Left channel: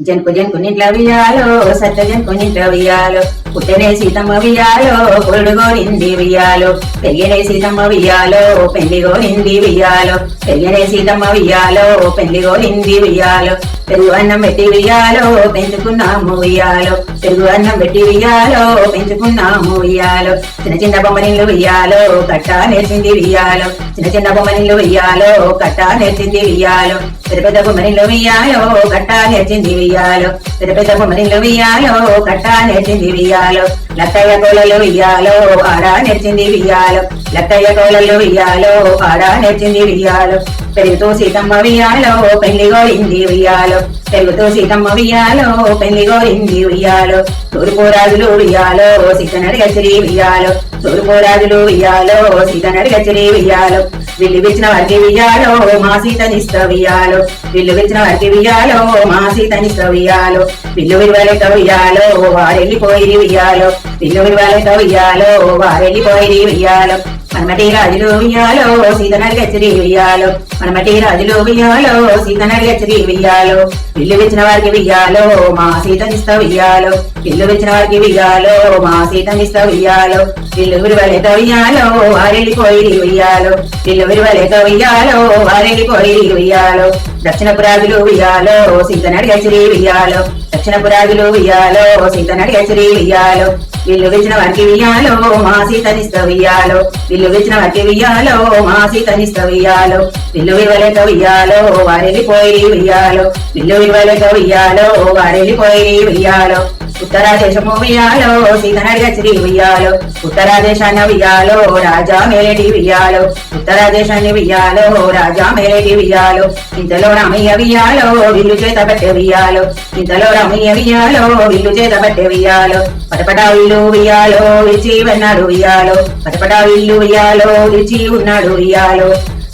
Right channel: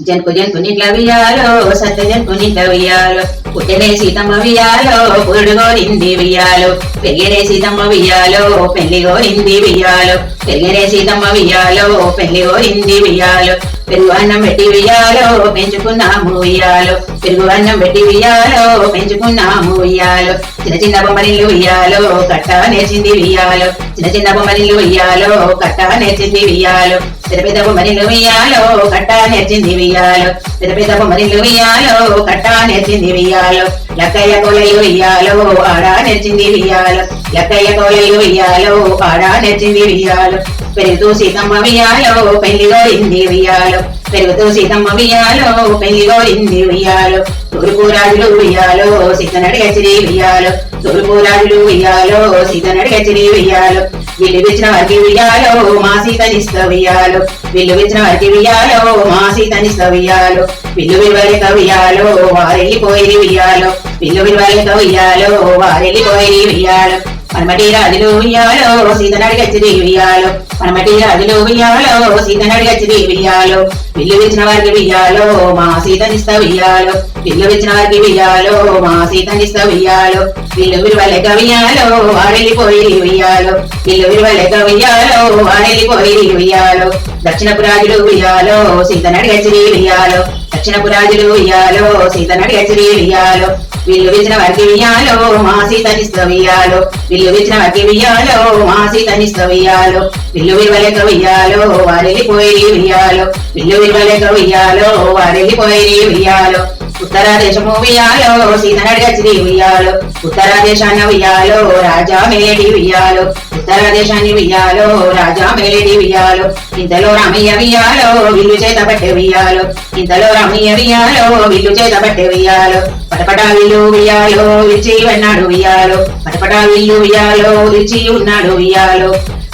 జంకు జంకునిట్ల వియాలో సత్య జంకునిట్ల వియాలో పుట్టెనే సీతమ్మ వియాలో పురుడుగోరింది వియాలో పెరిగనే సీతమ్మ వియాలో పెళ్లిగోరింది వియాలో పెరిగనే సీతమ్మ వియాలో పెళ్లిగోరింది వియాలో పెరుగు అన్నం పెట్టి వియాలో పెంచుకున్నాము వియాలో పెరుగు అన్నం పెట్టి వియాలో పెంచుకున్నాము వియాలో చిన్న చిన్న బొమ్మనిల్లు వియాలో కట్టా నేర్చింది వియాలో చిన్న చిన్న బొమ్మనిల్లు వియాలో కట్టా నేర్చింది వియాలో పెద్ద పెద్ద బొమ్మనిల్లు వియాలో కట్టా నేర్చింది వియాలో పెద్ద పెద్ద బొమ్మనిల్లు వియాలో కట్టా నేర్చింది వియాలో లక్కయ్య కోలలు వియాలో ఆడా నేర్చింది వియాలో లక్కయ్య కోలలు వియాలో ఆడా నేర్చింది వియాలో పెరుగుతూ సీతమ్మ వియాలో పెళ్లిగోరింది వియాలో పెరుగుతూ సీతమ్మ వియాలో పెళ్లిగోరింది వియాలో తూర్పు రాజులు వియాలో సీతనడి గచ్చిరి వియాలో తూర్పు రాజులు వియాలో సీతనడి గచ్చిరి వియాలో విల్లు విచ్చిన వారికి వియాలో మా సీతనిస్త వియాలో విల్లు విచ్చిన వారికి వియాలో మా సీతనిస్త వియాలో విల్లు విలువలేక వియాలో వారెళ్ళిపోయి వియాలో విల్లు విలువలేక వియాలో వారెళ్ళిపోయి వియాలో మనమటి రాజులు వియాలో సీతనడి గచ్చిరి వియాలో మనమటి రాజులు వియాలో సీతనడి గచ్చిరి వియాలో విల్లు విచ్చిన వారికి వియాలో మా సీతనిస్త వియాలో విల్లు విచ్చిన వారికి వియాలో మా సీతనిస్త వియాలో విల్లు విలువలేక వియాలో వారెళ్ళిపోయి వియాలో విల్లు విలువలేక వియాలో వారెళ్ళిపోయి వియాలో దక్షిణపు రాజులు వియాలో సీతనడి గచ్చిరి వియాలో దక్షిణపు రాజులు వియాలో సీతనడి గచ్చిరి వియాలో విల్లు విచ్చిన వారికి వియాలో మా సీతనిస్త వియాలో విల్లు విచ్చిన వారికి వియాలో మా సీతనిస్త వియాలో విల్లు విలువలేక వియాలో వారెళ్ళిపోయి వియాలో విల్లు విలువలేక వియాలో వారెళ్ళిపోయి వియాలో ఉత్తర దేశము వియాలో సీతనడి గచ్చిరి వియాలో ఉత్తర దేశాన్ని వియాలో రాజా మేలేటి వియాలో ఉత్తర దేశాన్ని వియాలో రాజా మేలేటి వియాలో ఇంతలో రామయ్య వియాలో విల్లు చేత పట్టే వియాలో ఇంతలో రామయ్య వియాలో విల్లు చేత పట్టే వియాలో పటపటా విల్లు వియాలో విచ్చి ఉన్నాడు వియాలో పటపటా విల్లు వియాలో విచ్చి ఉన్నాడు వియాలో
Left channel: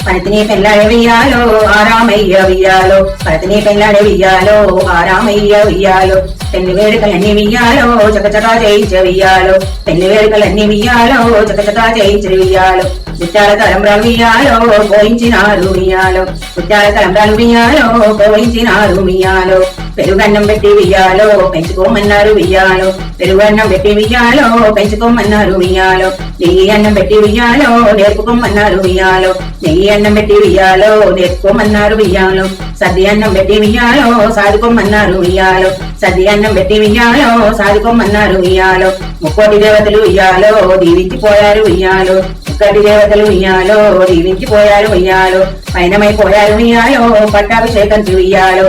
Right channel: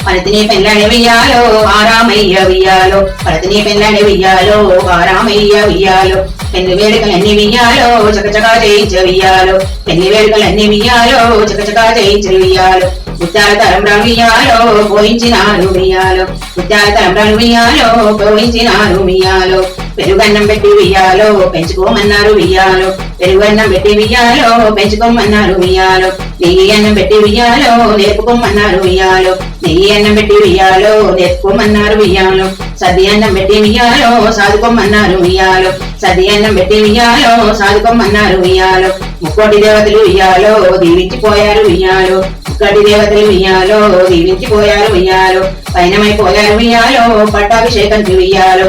పనితిని పెళ్ళాడే వియాలో ఆరామయ్య వియాలో పనితిని పెళ్ళాడే వియాలో ఆరామయ్య వియాలో పెళ్లి వేడుకలన్నీ వియాలో చకచకా చేయించ వియాలో పెళ్లి వేడుకలన్నీ వియాలో చకచకా చేయించు వియాలో ముత్యాల తలంబ్రాలు వియాలో పోయించినారు వియాలో ముత్యాల తలంబ్రాలు వియాలో పోయించినారు వియాలో పెరుగన్నం పెట్టి వియాలో పెంచుకోమన్నారు వియాలో పెరుగన్నం పెట్టి వియాలో పెంచుకోమన్నారు వియాలో నెయ్యి అన్నం పెట్టి వియాలో నేర్పుకోమన్నారు వియాలో నెయ్యి అన్నం పెట్టి వియాలో నేర్పుకోమన్నారు వియాలో సద్ది అన్నం పెట్టి వియాలో సాదుకోమన్నారు వియాలో సద్ది అన్నం పెట్టి వియాలో సాదుకోమన్నారు వియాలో ముక్కోటి దేవతలు వియాలో దీవించిపోయారు వియాలో ముక్కటి దేవతలు వియాలో దీవించిపోయారు వియాలో పైనమైపోయారు వియాలో పట్టాభిషేకం వియాలో